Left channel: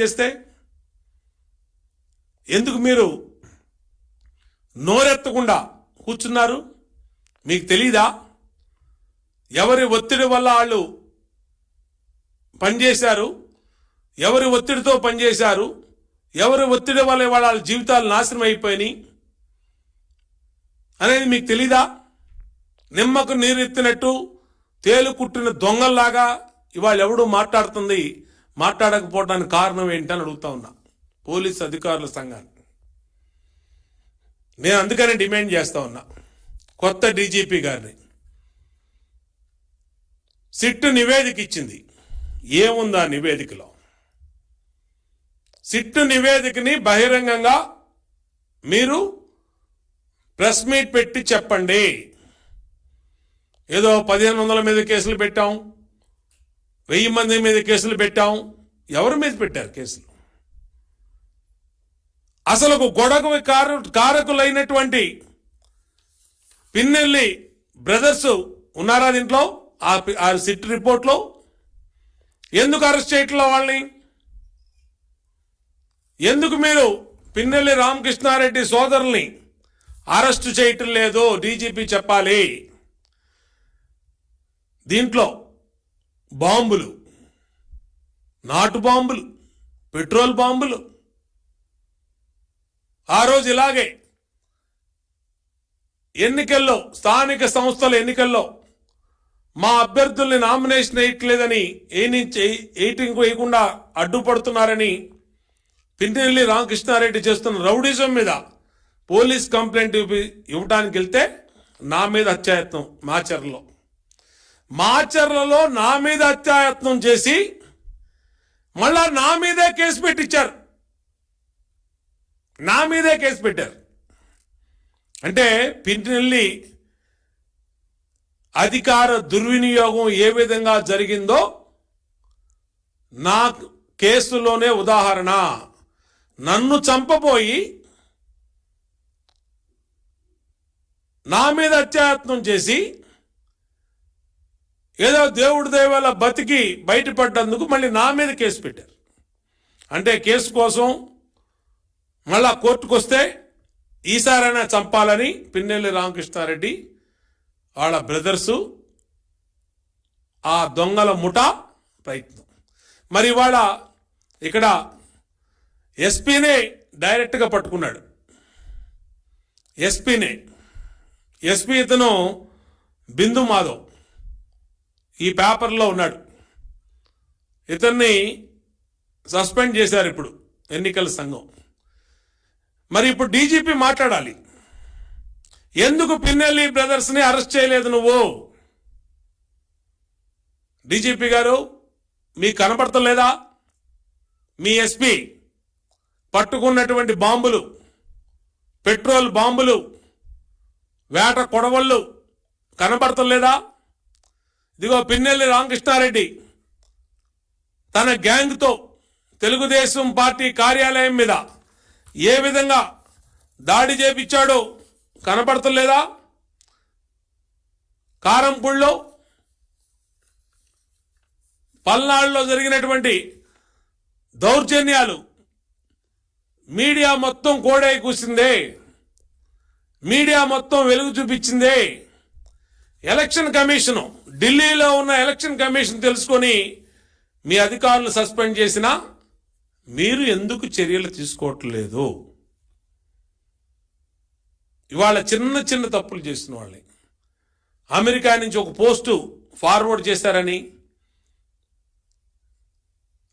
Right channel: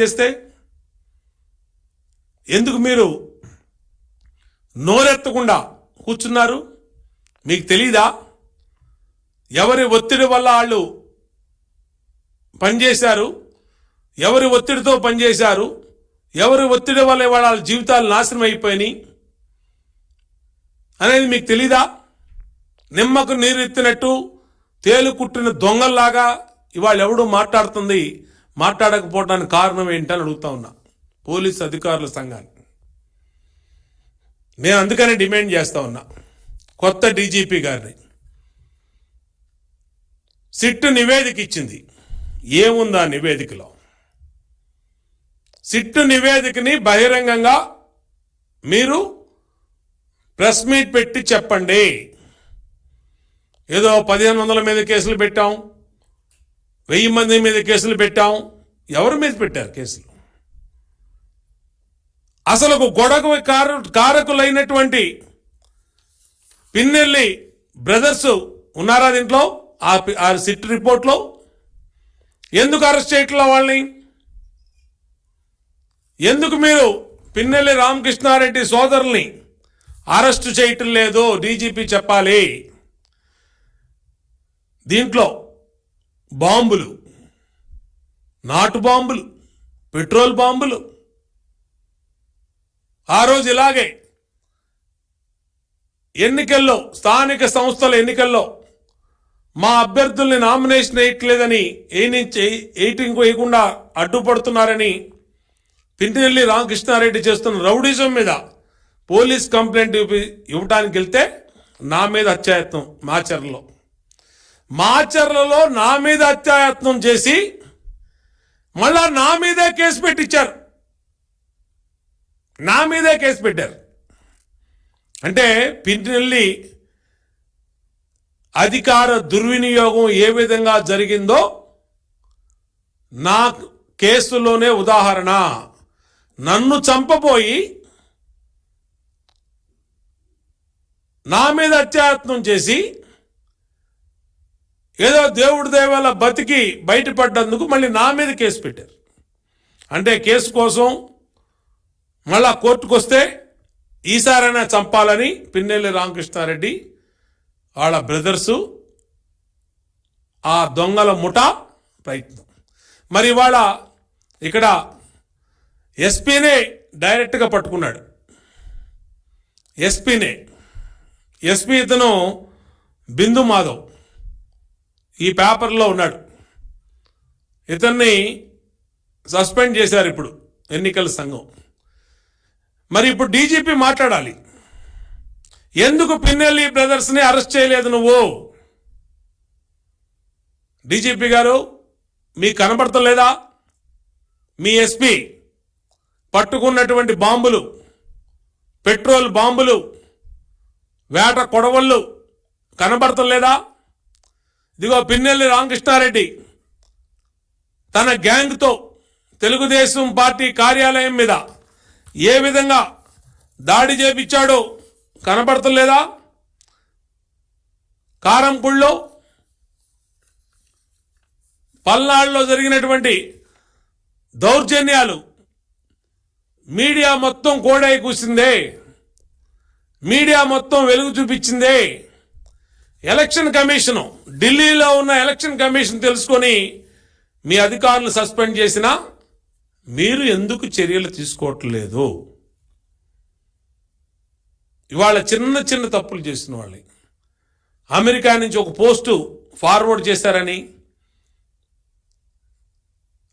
చేస్తే ఎందుకు మీరు నోరెత్తకుండా కూర్చున్నారు? మీకు తెలీదా ఎవరి ఒత్తిడి వల్ల వాళ్ళు పనిచేశారు, ఎవరి ఒత్తిడితో పనిచేశారు, ఎవరి ఒత్తిడి వల్ల వాళ్ళ జీవితాలు నాశనం అయిపోయినాయి అనేది మీకు తెలీదా? నిమ్మకు నీరెత్తినట్టు తేలు కుట్టిన దొంగల్లాగా ఇవాళ ఎవడు మాట్లాడకపోవడానికి కారణం ఏంటని అడుగుతా ఉన్నా పోలీస్ అధికారుల సంఘాన్ని. నేను అందుకనే డిమాండ్ చేస్తా ఉన్నా కొత్త డీజీపీ గారిని. సిట్టు నివేదిక ఇచ్చింది, ఏముందా నివేదికలో? సిట్టు నివేదికని బహిరంగంగా మీరు ప్రెస్ మీట్ పెట్టి చెప్పండి. ఏదో 1500 మీద కేసులు పెట్టాం, 1000 మంది మీద కేసులు పెట్టాం. ఎవరి మీద పెట్టారు కేసులు? అసలు గొడవ కారకులైనటువంటి పిన్నెల్లి బ్రదర్స్ ఉన్నారా దీంట్లో? ఆ సిట్ రిపోర్ట్లో ఎందుకు అరెస్ట్ చేయట్లా వాళ్ళని? ఎందుకు మీరు పిన్నెల్లి రామకృష్ణారెడ్డి సోదరుల్ని అరెస్ట్ చేయటం లేదు? డీజీపీ చెప్పాలి. దీంట్లో బాంబులు, నాటు బాంబులు, పెట్రోల్ బాంబులు. ఆ రోజు ఇలాగే ఎన్నికల్లో, స్థానిక సంస్థల ఎన్నికల్లో మా అభ్యర్థుల్ని నామినేషన్ వేయట్లేదని ఎయిటింగ్ వేయకుండా అడ్డుపడుతున్నారని పిన్నెల్లి రామకృష్ణారెడ్డి చేస్తున్న రౌడీజం మీద పోలీస్ కంప్లైంట్ ఇవ్వడానికి వెళ్తే నా మీద హత్యాయత్నం మాచర్లలో నా మీద హత్యాయత్నం చేసి మళ్ళా నా మీదే కేసు పెట్టించారు. నా మీదే కేసు పెట్టారు. అంటే పిన్నెల్లి అధికార దుర్వినియోగం ఏ విధంగా జరిగిందో నా కేసులోనే ఉదాహరణ. నన్ను చంపబోయి నా మీద హత్యాయత్నం చేసి ఏదో దేవుడి దయవల్ల బతికి బయటపడ్డందుకు మళ్ళీ నా మీద కేసు పెట్టారు. అంటే కేసు కోసం మళ్ళా కోర్టుకు వస్తే ఈసారైనా చంపాలని పిన్నెల్లి రామకృష్ణారెడ్డి వాళ్ళ బ్రదర్సు, ఆ దొంగల ముఠా ప్రయత్నం. మరి ఇవాళ ఇక్కడ ఎస్పీనే డైరెక్ట్గా పట్టుకున్నాడు. ఎస్పీ ఇతను బిందు మాధవ్ ఈ పేపర్లో ఉన్నాడు. ఇతన్ని సస్పెండ్ చేశారు ఇప్పుడు ఎన్నికల సంఘం. మరి ఇప్పుడు డీజీపీ మాట్లాడాలి. ఎందుకు పిన్నెల్లి బ్రదర్స్ని అరెస్ట్ చేయలేదు నువ్వు? డీజీపీ గారు మీకు కనబడతలేదా? మీ ఎస్పీ పట్టుకున్నటువంటి బాంబులు, పెట్రోల్ బాంబులు, వేట కొడవళ్ళు కనబడతలేదా? ఇదిగో పిన్నెల్లి రామకృష్ణారెడ్డి తన గ్యాంగ్తో తెలుగుదేశం పార్టీ కార్యాలయం మీద ఏ విధంగా దాడి చేపించాడో కనబడతలేదా? కారంపూడిలో, పల్నాడులో జరిగినటువంటి దౌర్జన్యాలు మీడియా మొత్తం కోడై కూసిందే, మీడియా మొత్తం వెలుగు చూపించిందే. ఎలక్షన్ కమిషను, ఢిల్లీలో ఉన్న ఎలక్షన్ కమిషన్ తెలుసుకొని మీ అధికారులు సస్పెండ్ చేసినా మీరు ఎందుకు చర్యలు తీసుకోవట్లేదు? ఇవాళ చిన్న తప్పులు చేసిన వాళ్ళని అమెరికా నుంచి ఒక పోస్టు ఫార్వర్డ్ చేశారని,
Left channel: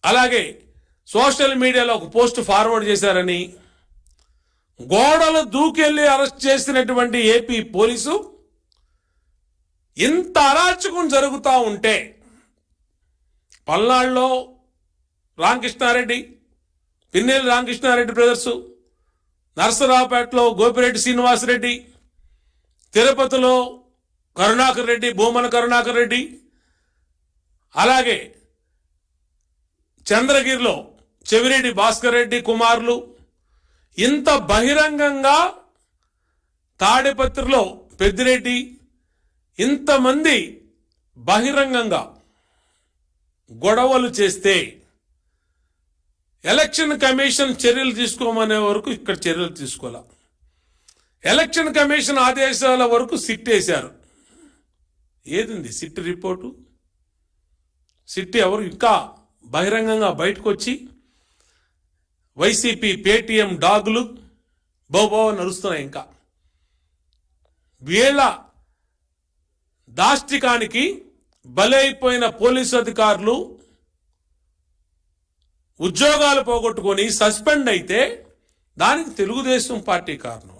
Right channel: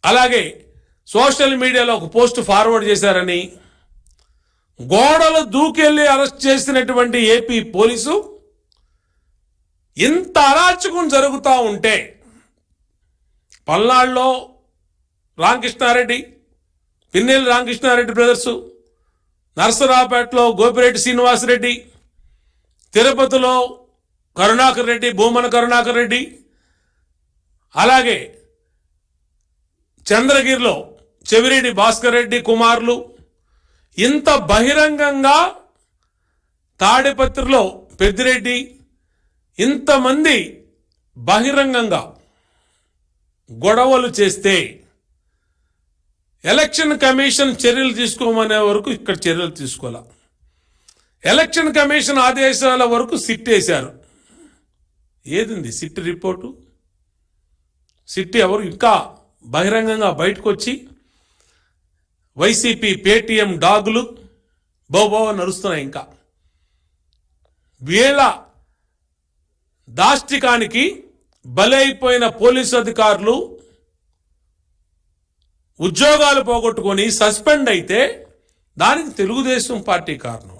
అలాగే సోషల్ మీడియాలో ఒక పోస్టు ఫార్వర్డ్ చేశారని, గోడలు దూకెళ్ళి అరెస్ట్ చేసినటువంటి ఏపీ పోలీసు ఇంత అరాచకం జరుగుతూ ఉంటే, పల్నాడులో రామకృష్ణారెడ్డి, పిన్నెల్లి రామకృష్ణారెడ్డి బ్రదర్సు, నరసరావుపేటలో గోపిరెడ్డి శ్రీనివాసరెడ్డి, తిరుపతిలో కరుణాకర్ రెడ్డి, భూమన కరుణాకర్ రెడ్డి, అలాగే చంద్రగిరిలో చెవిరెడ్డి భాస్కర్ రెడ్డి కుమారులు, ఇంత బహిరంగంగా తాడిపత్రిలో పెద్దిరెడ్డి, ఇంతమంది బహిరంగంగా గొడవలు చేస్తే ఎలక్షన్ కమిషన్ చర్యలు తీసుకోమనే వరకు ఇక్కడ చర్యలు తీసుకోవాల. ఎలక్షన్ కమిషన్ ఆదేశాల వరకు సిట్ వేశారు. ఏదింది సిట్ రిపోర్టు? సిట్ ఎవరు ఇంకా బహిరంగంగా బయటకు వచ్చి వైసీపీ పేటీఎం డాగులు బోబో నడుస్తున్నాయి. ఇంకా వీళ్ళ దాష్టికానికి బలైపోయిన పోలీసు అధికారులు ఉద్యోగాలు పోగొట్టుకొని సస్పెండ్ అయితే దానికి తెలుగుదేశం పార్టీ కారణం.